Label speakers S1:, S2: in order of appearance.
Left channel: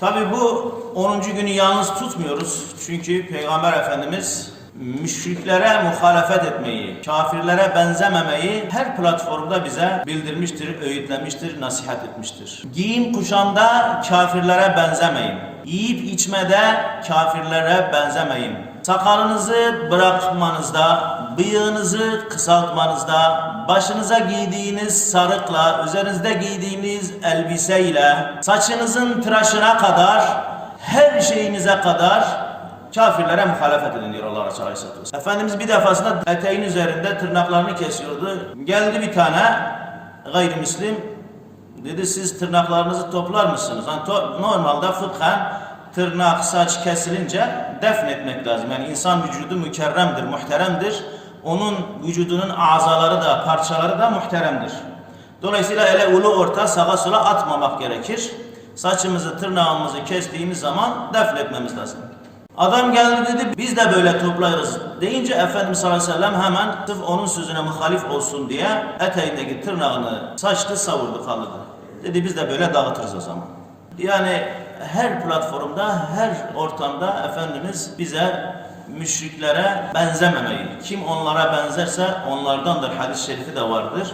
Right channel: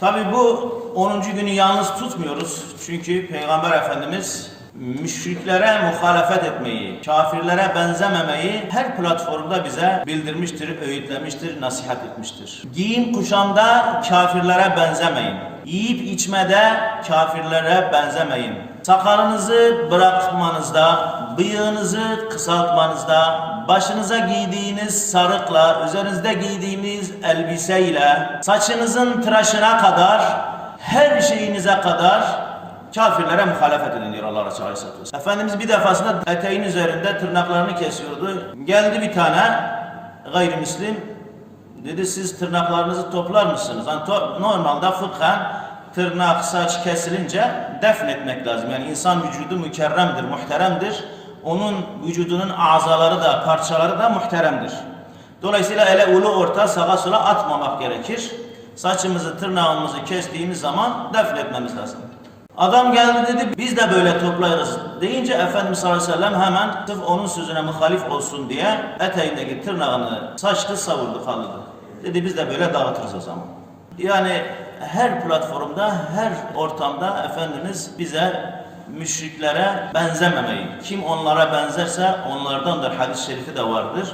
S1: Tabi bu 10. günü yalnız tutmuyoruz. Çünkü Peygamber Efendimiz müşriklere muhalefet etmeyi, kafirlere benzememeyi her platformda bize bildirmiştir, öğütlemiştir, nasihat etmiştir. Giyim kuşamda kafirlere benzemeyin. Yiyip içmede kafirlere benzemeyin. Sakalınızı bırakmanızda, bıyığınızı kısaltmanızda, başınıza giydiğiniz sarıkla, üzerinizde giydiğiniz elbiseyle, saçınızın tıraşına kadar, her şeyinize kadar kafirlere muhalefet edin diyor Allah Resulü Aleyhisselatü Vesselam. Efendimiz bir defasında eteğin üzerinde tırnaklarını kesiyordu. Geldi bir tane gayrimüslim dedi siz tırnaklarınızı toplar mısınız? Yani to- normalde fıkhen tırnak, saç kesilince defnetmek lazım. Yani insan vücudu mükerremdir, muhteremdir. Onun vücudunun azaları da, parçaları da muhteremdir. Dolayısıyla ele ulu orta sağa sola atmamak gerekir. Saçımızı, tırnağımızı kestiğimiz zaman defnetmemiz lazım. Adam geldi dedi biz de böyle toplarız deyince Efendimiz sallallahu aleyhi ve sellem hemen sırf onun sözüne muhalif olsun diye eteğindeki tırnağını saçtı savurdu kaldırdı. Dedi biz de böyle dağıtırız o zaman. Yani her platformda, her ortamda Efendimiz bize müşriklere benzememeyi, kim onlara benzerse onlardandır hadis-i şerifi de vardır.